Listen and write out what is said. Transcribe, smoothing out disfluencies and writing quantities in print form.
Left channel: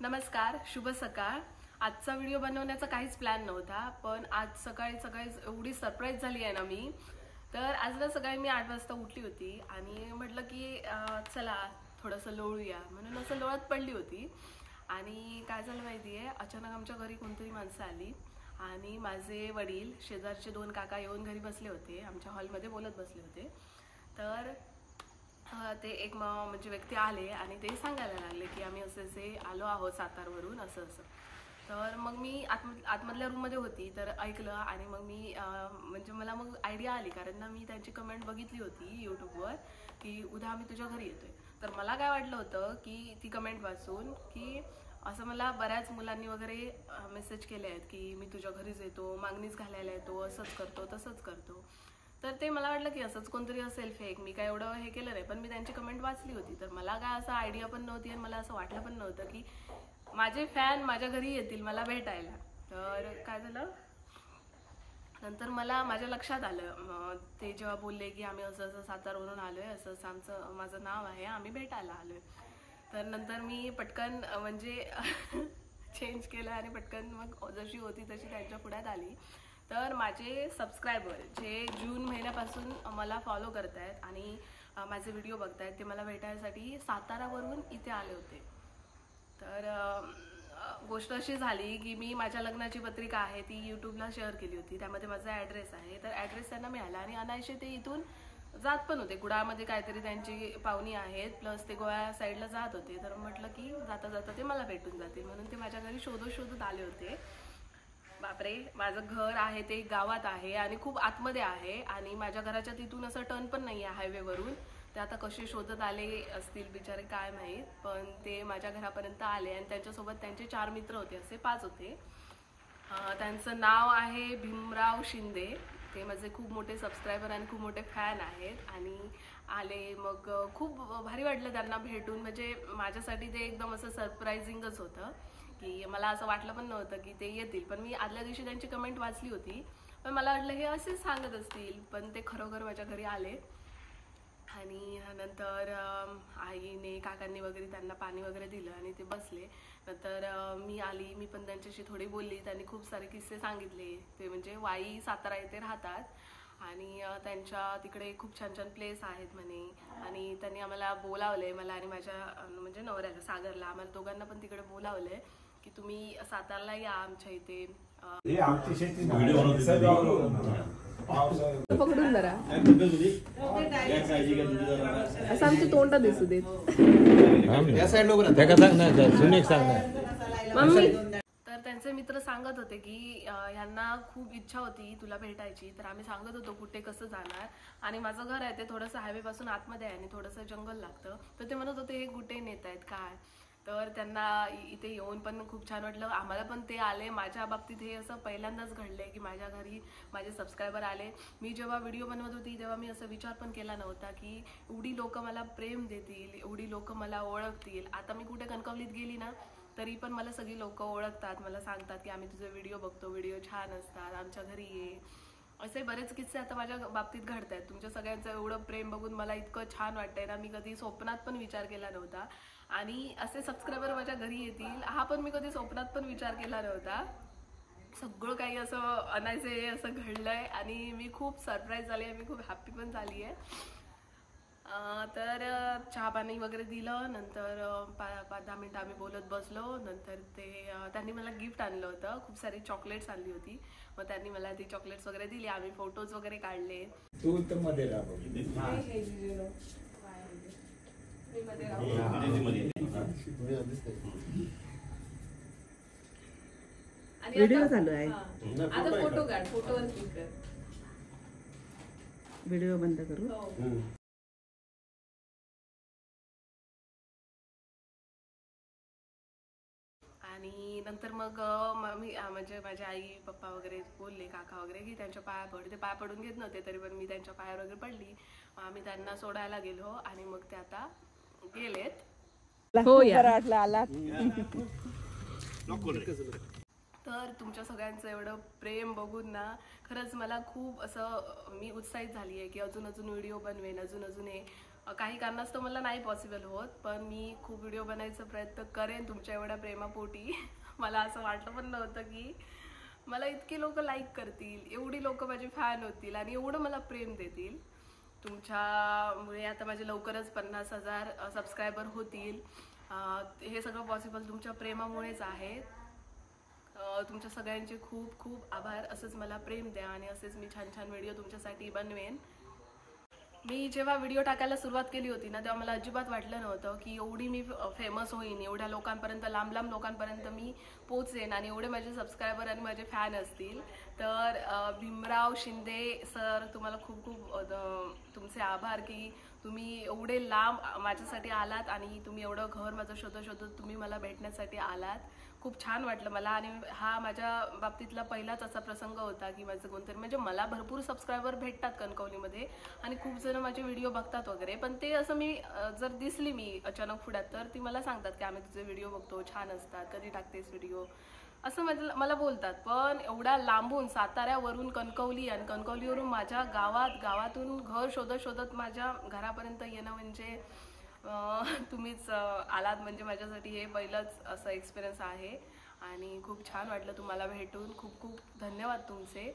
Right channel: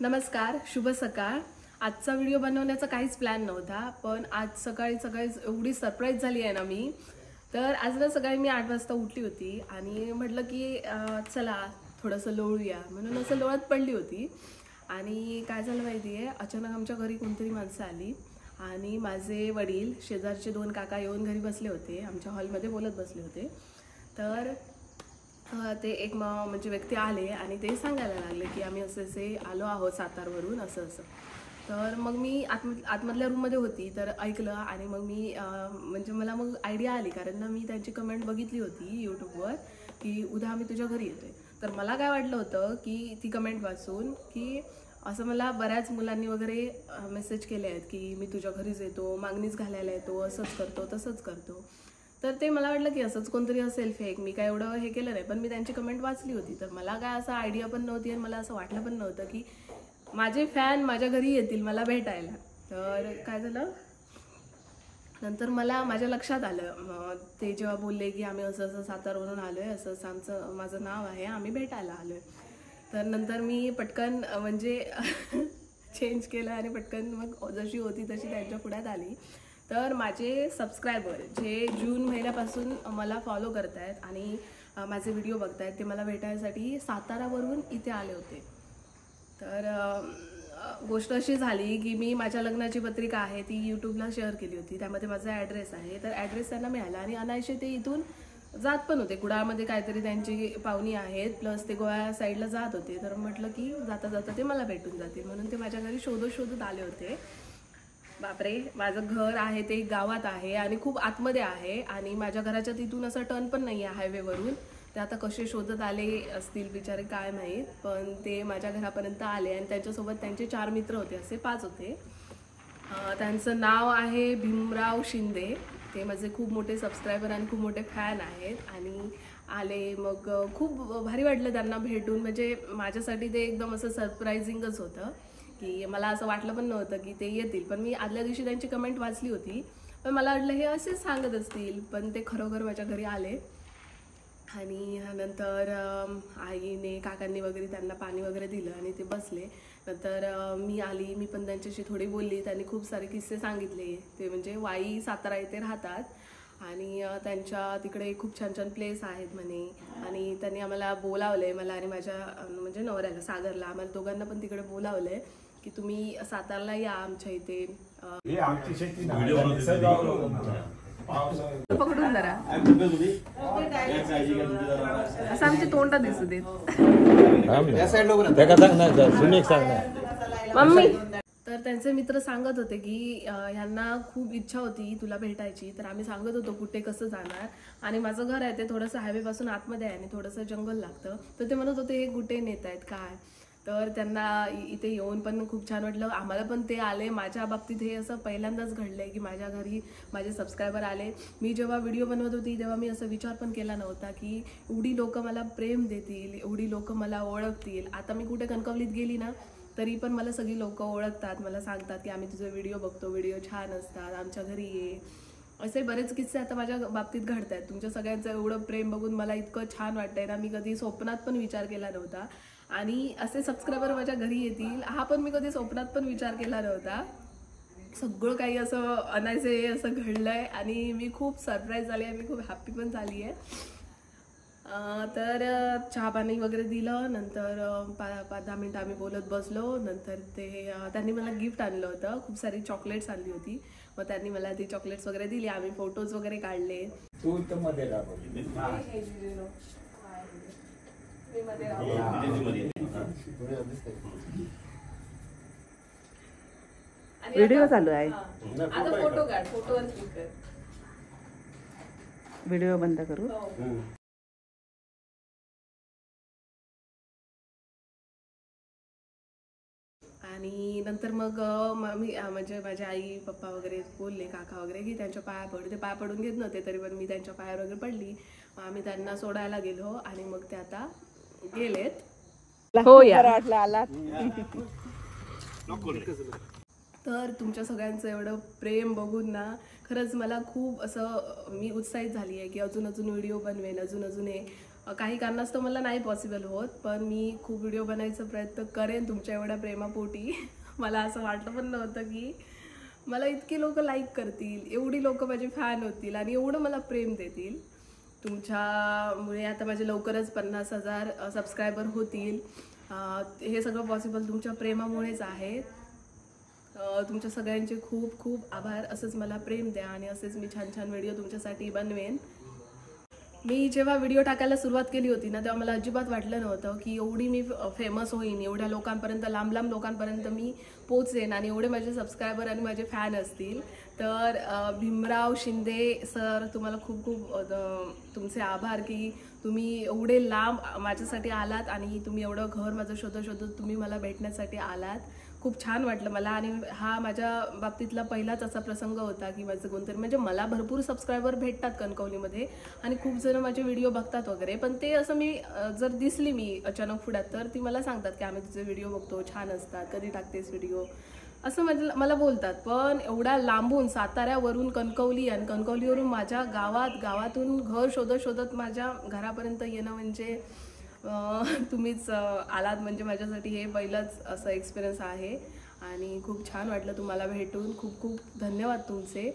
नमस्कार, शुभ सकाळ। आजचा व्हिडिओ बनवण्याचा काहीच प्लॅन नव्हता, पण आज सकाळी एवढी सरप्राईज झाली आहे ना मी। तर आज ना सकाळी मी 8 वाजता उठली होती आणि म्हटलं की चला थोडंसं लोळूया, म्हणून असं लोळत पडली होती। आणि काय झालं माहितीये, अचानक आमच्या घरी कोणतरी माणसं आली आणि माझे वडील शेजारचे 2 काका येऊन घरी बसले होते, आमच्या हॉलमध्ये बोलत बसले होते। तर ते एक म्हणजे व्यक्ती आले आणि ते सांगायला लागले की आम्ही असे आलो आहोत सातारवरून असं। तर मग मी आतमधल्या रूममध्ये होती, तर ऐकलं आणि मग मी म्हणजे मला मग आयडिया आली, कारण ना मी त्यांची कमेंट बघितली होती यूट्यूबवर की उद्या आम्ही तुझ्या घरी येतोय। तर मला काय वाटलं होतं की ती कमेंट वाचून की असं मला बऱ्याच मुलांनी वगैरे मेसेज केले आहेत की मी तुझ्या घरीच येतो, मागणीच घालायला येतो, असंच करतो तसंच करतो। तर ते मला वाटलं की असंच कोणतरी असेल फेक, मी काय एवढं हे केलं नाही, पण मी त्यांची कमेंट वाचली होती। तर मला काय असं आयडिया पण नव्हती आणि मला असं वाटलं पण नव्हतं की माझे फॅन माझ्या घरी येतील मला भेटायला। तर काय झालं, नंतर मला माझ्या लक्षात आलं, ते जेव्हा बोलले की आम्ही असं सातारवरून आलोय, असं माझं नाव आहे, आम्ही भेटायला आलोय। तर नंतर मी पटकन म्हणजे चेंज केलं आणि पटकन मग जशी होती तशी त्यांच्या पुढ्यात आली। तर माझे सबस्क्रायबर जे जून महिन्यापासून मला फॉलो करतायत आणि माझे व्हिडिओ बघतायत, ते मला भेटायसाठी सातारावरून इथे आले होते। तर गोष्ट अशी झाली की मी माझ्या लग्नाची पत्रिका आहे ती यूट्यूबला शेअर केली होती, त्यामध्ये माझा ॲड्रेस आहे। तर ॲड्रेस त्यांना मिळाला आणि अनायसे ते इथून जात पण होते, कुडाळमध्ये काहीतरी त्यांची पाहुणी आहेत, प्लस ते गोव्या साईडला जात होते। तर म्हटलं की जाता जाता ते मला भेटून जातील, म्हणून ते माझ्या घरी शोधत आले होते। बापरे, माझं घर आहे ते गावात आहे आणि खूप आतमध्ये आहे आणि माझ्या घराच्या तिथून असं टर्न पण नाही आहे हायवेवरून। ते आता कसे शोधत आले असतील बिचारे काय माहीत, पण ते माझ्या घरापर्यंत आले आणि त्यांच्यासोबत त्यांचे 4 मित्र होते, असे 5 होते। त्यांचं नाव आहे भीमराव शिंदे, ते माझे खूप मोठे सबस्क्रायबर आणि खूप मोठे फॅन आहेत आणि आले। मग खूप भारी वाटलं त्यांना भेटून, म्हणजे माझ्यासाठी ते एकदम असं सरप्रायझिंगच होतं की मला असं वाटलं पण नव्हतं की ते येतील। पण मी आदल्या दिवशी त्यांची कमेंट वाचली होती, पण मला वाटलं हे असेच सांगत असतील, पण ते खरोखर माझ्या घरी आले। आणि नंतर आईने काकांनी वगैरे त्यांना पाणी वगैरे दिलं आणि ते बसले। नंतर मी आली, मी पण त्यांच्याशी थोडी बोलली, त्यांनी खूप सारे किस्से सांगितले। ते म्हणजे वाई सातारा येथे राहतात आणि त्यांच्या तिकडे खूप छान छान प्लेस आहेत म्हणे, आणि त्यांनी आम्हाला बोलावलंय, मला आणि माझ्या म्हणजे नवऱ्याला सागरला, आम्हाला दोघांना पण तिकडे बोलावलंय की तुम्ही सातारला या आमच्या इथे। पकडून जरा असं आमची तोंड दिसू देत मम्मी। तर त्यांचे मित्र सांगत होते की ह्यांना खूप इच्छा होती तुला भेटायची। तर आम्ही सांगत होतो कुठे कसं जाणार, आणि माझं घर आहे ते थोडंसं हायवे पासून आतमध्ये आहे आणि थोडंसं जंगल लागतं। तर ते म्हणत होते हे कुठे नेत आहेत काय। तर त्यांना इथे येऊन पण खूप छान वाटलं, आम्हाला पण ते आले। माझ्या बाबतीत हे असं पहिल्यांदाच घडलंय की माझ्या घरी माझे सबस्क्रायबर आले। मी जेव्हा व्हिडिओ बनवत होती तेव्हा मी असं विचार पण केला नव्हता की एवढी लोक मला प्रेम देतील, एवढी लोक मला ओळखतील। आता मी कुठे कणकवलीत गेली ना तरी पण मला सगळी लोक ओळखतात, मला सांगतात की आम्ही तुझे व्हिडिओ बघतो, व्हिडिओ छान असतात, आमच्या घरी ये। असे बरेच किस्से आता माझ्या बाबतीत घडतात। तुमच्या सगळ्यांचं एवढं प्रेम बघून मला इतकं छान वाटतंय ना, मी कधी स्वप्नात पण विचार केला नव्हता आणि असे सबस्क्रायबर माझ्या घरी येतील हा पण मी कधी स्वप्नात पण विचार केला नव्हता। सगळं काही असं अनायसे असं घडलंय आणि मी खूप सरप्राईज झाली आहे, मी खूप हॅप्पी पण झाली आहे। तर चहा पाणी वगैरे दिलं, नंतर 5-10 मिनिटं आम्ही बोलत बसलो। नंतर त्यांनी मला गिफ्ट आणलं होतं, खूप सारी चॉकलेट्स आणली होती, मग त्यांनी मला ती चॉकलेट्स वगैरे दिली, आम्ही फोटोज वगैरे काढले। तू तर मध्ये व्हिडिओ चालू आहे, आता फोटो काढ, फोटोवर क्लिक कर, व्हिडिओ बंद करू। आणि नंतर मग मी म्हणजे माझे आई पप्पा वगैरे बोलले, काका वगैरे की त्यांच्या पाया पडू, ते पाया पडून घेत नव्हते तरी पण मी त्यांच्या पायावर वगैरे पडली। आम्ही त्यांना सोडायला गेलो आणि मग ते आता गेलेत। हो यार, आला तर तुमच्या सगळ्यांचं एवढं प्रेम बघून ना खरंच मला खूप असं मी उत्साहित झाली आहे की अजून व्हिडिओ बनवेन, अजून हे काही कारणास्तव मला नाही पॉसिबल होत, पण मी खूप व्हिडिओ बनायचा प्रयत्न करेन तुमच्या एवढ्या प्रेमापोटी. मला असं वाटलं पण नव्हतं की मला इतकी लोक लाईक करतील, एवढी लोक माझी फॅन होतील आणि एवढं मला प्रेम देतील. तुमच्यामुळे आता माझे लवकरच 50,000 सबस्क्रायबर होतील. हे सगळं पॉसिबल तुमच्या प्रेमामुळेच आहे. तुमच्या सगळ्यांचे खूप खूप आभार. असंच मला प्रेम द्या आणि असेच मी छान छान व्हिडिओ तुमच्यासाठी बनवेन. मी जेव्हा व्हिडिओ टाकायला सुरुवात केली होती ना, तेव्हा मला अजिबात वाटलं नव्हतं की एवढी मी फेमस होईन, एवढ्या लोकांपर्यंत, लांब लांब लोकांपर्यंत मी पोचेन आणि एवढे माझे सबस्क्रायबर आणि माझे फॅन असतील. तर भीमराव शिंदे सर, तुम्हाला खूप खूप तुमचे आभार की तुम्ही एवढे लांब माझ्यासाठी आलात आणि तुम्ही एवढं घर माझं शोधत तुम्ही मला भेटण्यासाठी आलात. खूप छान वाटलं मला. आणि हा माझ्या बाबतीतला पहिलाच असा प्रसंग होता की माझं कोणतरी, म्हणजे मला भरपूर सबस्क्रायबर भेटतात कणकवलीमध्ये आणि खूप जण माझे व्हिडिओ बघतात वगैरे, पण ते असं मी जर दिसली मी अचानक पुढ्यात तर ती मला सांगतात की आम्ही तुझे व्हिडिओ बघतो, छान असतात, कधी टाकतेस व्हिडिओ, असं मला बोलतात. पण एवढ्या लांबून साताऱ्यावरून कणकवली आणि कणकवलीवरून माझ्या गावातून घर शोधत माझ्या घरापर्यंत येणं म्हणजे तुम्हीच आलात, म्हणजे माझ्यासाठी हे पहिलंच असं एक्सपिरियन्स आहे आणि खूप छान वाटलं तुम्हाला भेटून. खूप खूप धन्यवाद तुमचे.